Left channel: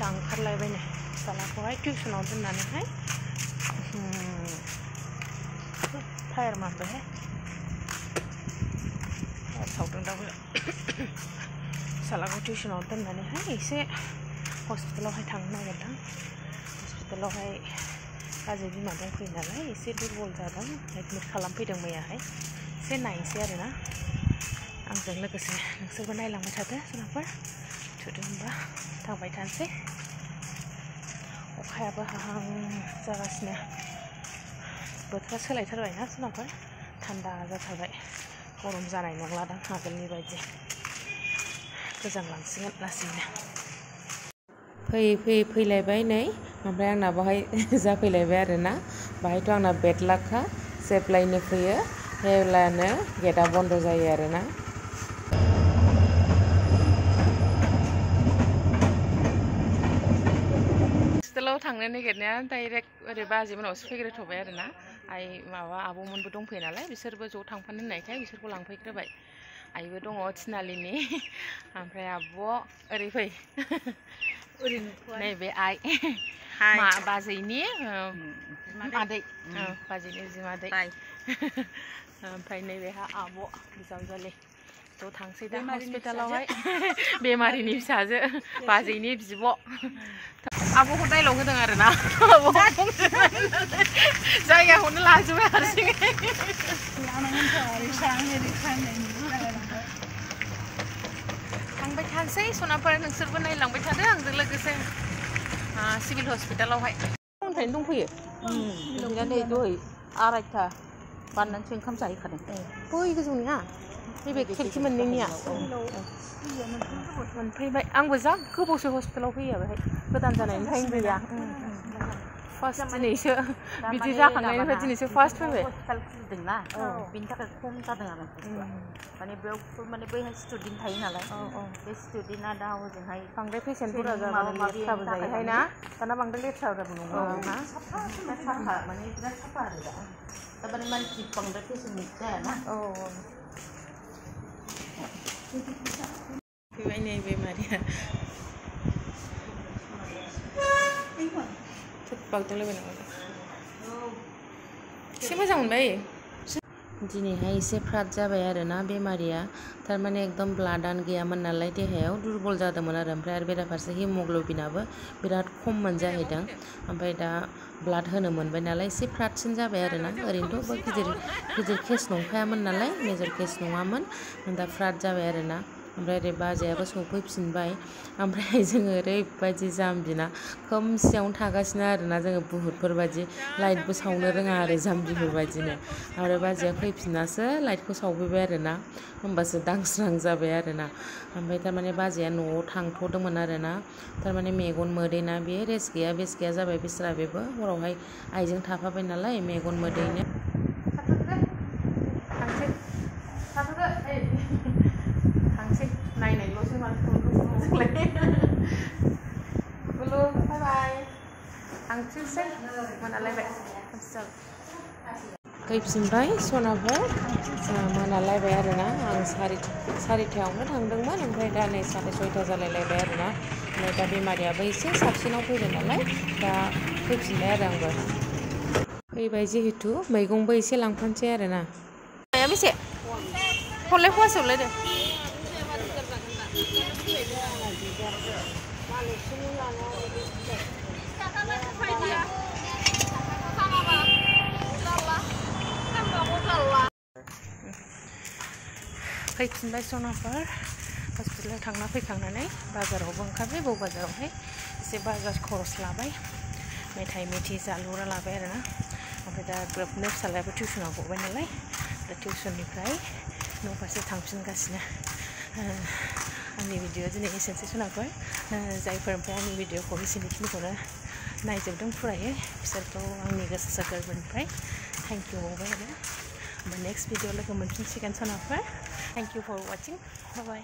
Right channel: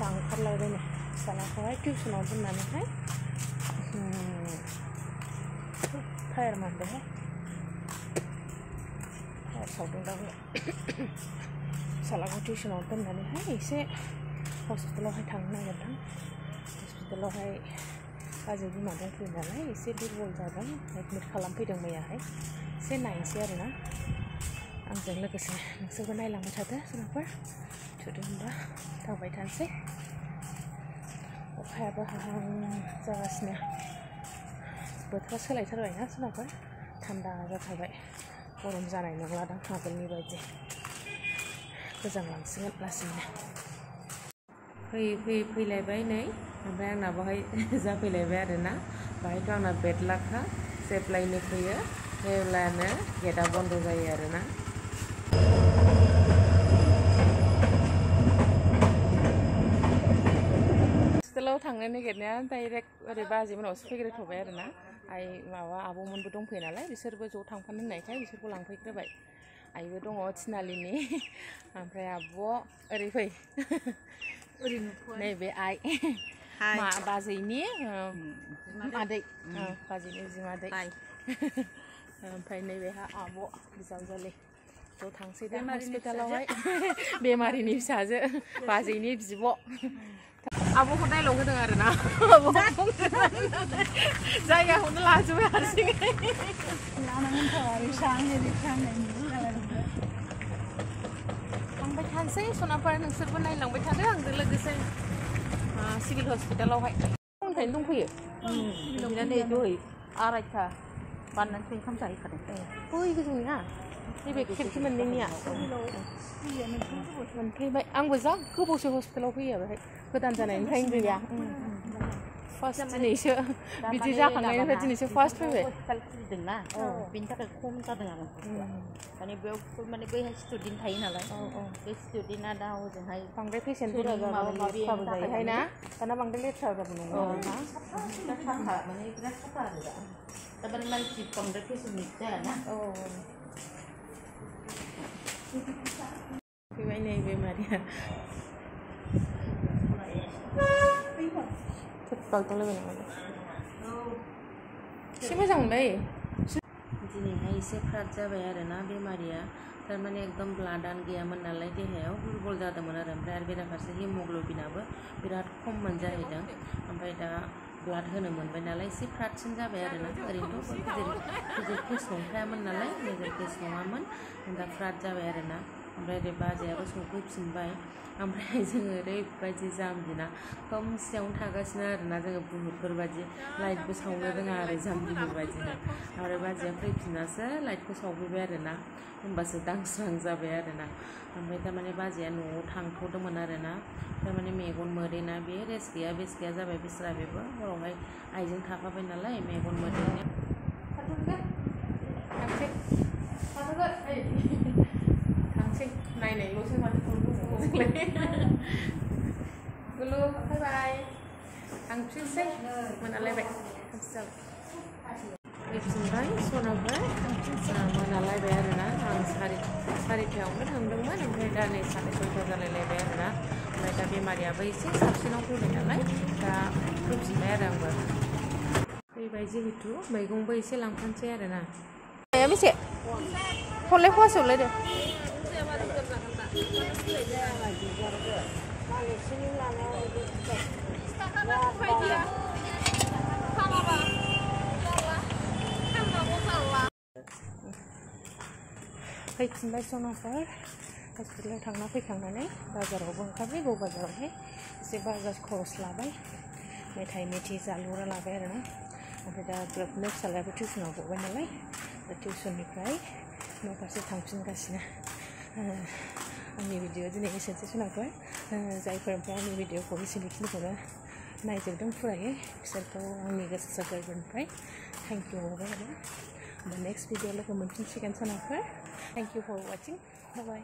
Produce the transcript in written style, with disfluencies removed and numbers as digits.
फिसा ओंखारलायबायनो फिसालाखौहाय टिउसनाव दोननानैहाय टायार मारबायहाय टायार सावदों दाबो फिसालाखौ टिउसनाव दोननानैहाय एसे हस्पिटालावहाय थांनो नागिरदों हस्पिटालावहाय बाजै बिमा दंफैयो नालाय एसे दुरबल जादों एडमिट खालामफैदों मैयाहाय एसे नायनोसै आरोना आंजों लोगोसे नोंसोरबो नायलांबाय थादो जुनारफोर थुदो होनबा थांबाय थानोसै अखायाबो हाहां जागासिनो बोथोरा सोलायथारबायना जुनारफोर थान्दा जाथारबाय गरम जानाय नंलादां आगोलनि बायदि गोजांलांसिगोन लासैनो फैलायबाय नै ओमफ्राय आंना बाहाय जाफैलायबाय आरोना बाहायथ' आंना बेड लाखा जेब्लायनो फैयो अब्लानो गेटआ बन्द जायो आरोना हस्टेलाव थांनो नागिरनाया डाइरेक्ट ओरै बाजैमोनावसो फैग्रोथ'बाय आरोना माबा आब'मोनबो दंफैयो नालाय बिसोरबो ज' थांफानो होननायखाय बिसोरखौ लांफैग्रोबाय आइबो दङ थिनालिनि ओमफ्राय आब' ओरै फै नैबे आइ बाजैनि आदै बाजैनि बिमादै ओमफ्राय नैबेहा आब' बिजावजालि ज' थांसै दा हस्पिटालावहाय बेमारिनि फिसाजो बाजैनि बिब' आब'खौ डाइलग होदों आरोना जायगाखौनो लाजोबबाय हारसिङै थांबाय थानोसै सनाफोर नोंसोरबो नायलांबाय थादो आंजों लोगोसे सिभिल हस्पिटालावहाय फुंनिफ्रायनो दंफैयो लोमजानाय दहाय 2:30 बारनानैसो ओंखाम जाहैखादों बै गोजौनिया नैबे खिरखि मोननैनिया मोनफैबाय आंबो जा गोबावसो हस्पिटालाव फैयो बेहाय गोदान जानायनिफ्रायनो गैया फार्स्ट दिनैसो बिदि जाखांनायनिफ्राय दिनैसो फार्स्ट फैबाय हस्पिटाल खुलिदोंना बेनि थाखाय खम जादों आरो माने बेयाव माने बैहाय स्टुडेन्ट थायो नालाय बे स्टुडेन्टआ दा हजोंहाय बांद्राय पेसेन्टफोरा जाबाय लेथ्राबो जायोहाय ना दाना बांद्राय लेथ्राबो नङा साफा माने बिराद साफा आरो दा माने मानसि बांद्राय पेसेन्ट जायाना फैबाय नै बेमारिया बागदावलायबाय नामा एसे मोजां मोनबाय दिनैहाय एसे फ्राद जाबाय आरोना बेमारिया थारमाने एकदम ब्लाडआनो गैयामोन नालाय देहायाव दुरबल जादोंमोन आरो ओमफ्राय आरो बेराफारसे हिमग्ल'बिनाबो बिराद खममोन जाहैदों ओमफ्राय दा ब्लाड होनो मोनबाय नालाय एसे फ्रादसिन जाबाय आरोना ओरैनोथ' गिदिर केस नंखायामोन नालाय मेजर केस नङामोन दा फ्राद जाबाय आरोना ओमफ्राय ओरै बाजैयाबो सफैफिनबाय ओमफ्राय जोङो ओरैबायदि जाम्बिना खोमसियावनो थागासिनो आरोना जोङो बुहुतफोरबायदि लाइटबो सावनो रोङा आरो जाम्बिफोरबायदिनो आरो बाजैया फैफिननासो लाइटखौ सावफैबाय आरोना होमबासो दांस्रां जाबाय आरोना ओमफ्राय थारमाने बाजैया न'आव थांथ'दोंमोन आरोना थारमाने मेगन मोदैना बे रेस्ट गैया बेस्ट गैया जाबाय बिस्रा बेबो हरावहाय आइजों थाफाबाय नालाय मेगन मोदैनो थांसै नायनायल'सो माथो गुलु बाय बाय थांफिनसै मोनालायबाय खोमसि जाबाय फैफिनबाय सनाबो मोनालायबाय आरोना आं 4:30 थांदोंमोन ओमफ्राय दा नै 6:30 जालायलायबाय आरोना ओमफ्राय दा बेमारियाबो एसे साबसिनाव फैबाय नालाय दा फैफिनबाय आरो आंबो फैबाय जिहेतु मैगंबो एसे लांफानोसै आरोना माया बेसे हरलाय फवासे हरलाय दे फैफिनबाय सनाफोर हस्पिटालाव थांना फैखांनानै बाजारावबो ओंखारबाय बौ बाजारावहाय एसे बाजार खरस लाबाय मेथाइ मेथि जालुरा लाबाय आरोना ओमफ्राय दा ग्रोबनो फिसालायाबो टिउसनाव गबाय नालाय दा टिउसननिफ्राय न' फारसे थांफिनगासिनो आंनि भिडिअ दिनै एसेनोसै सनाफोर जायफोर ओमफ्राय आंनि भिडिअखौ एसेनिखिनिखौनो नायजोबदों फुरायै बिसोरखौ आंनि गोसो गोरबोनिफ्राय थेंक इउ बावबाय आरो होमबा नेक्स्ट भिडिअ लोगो मोनफिनसिगोन सनाफोर thank you for watching bye bye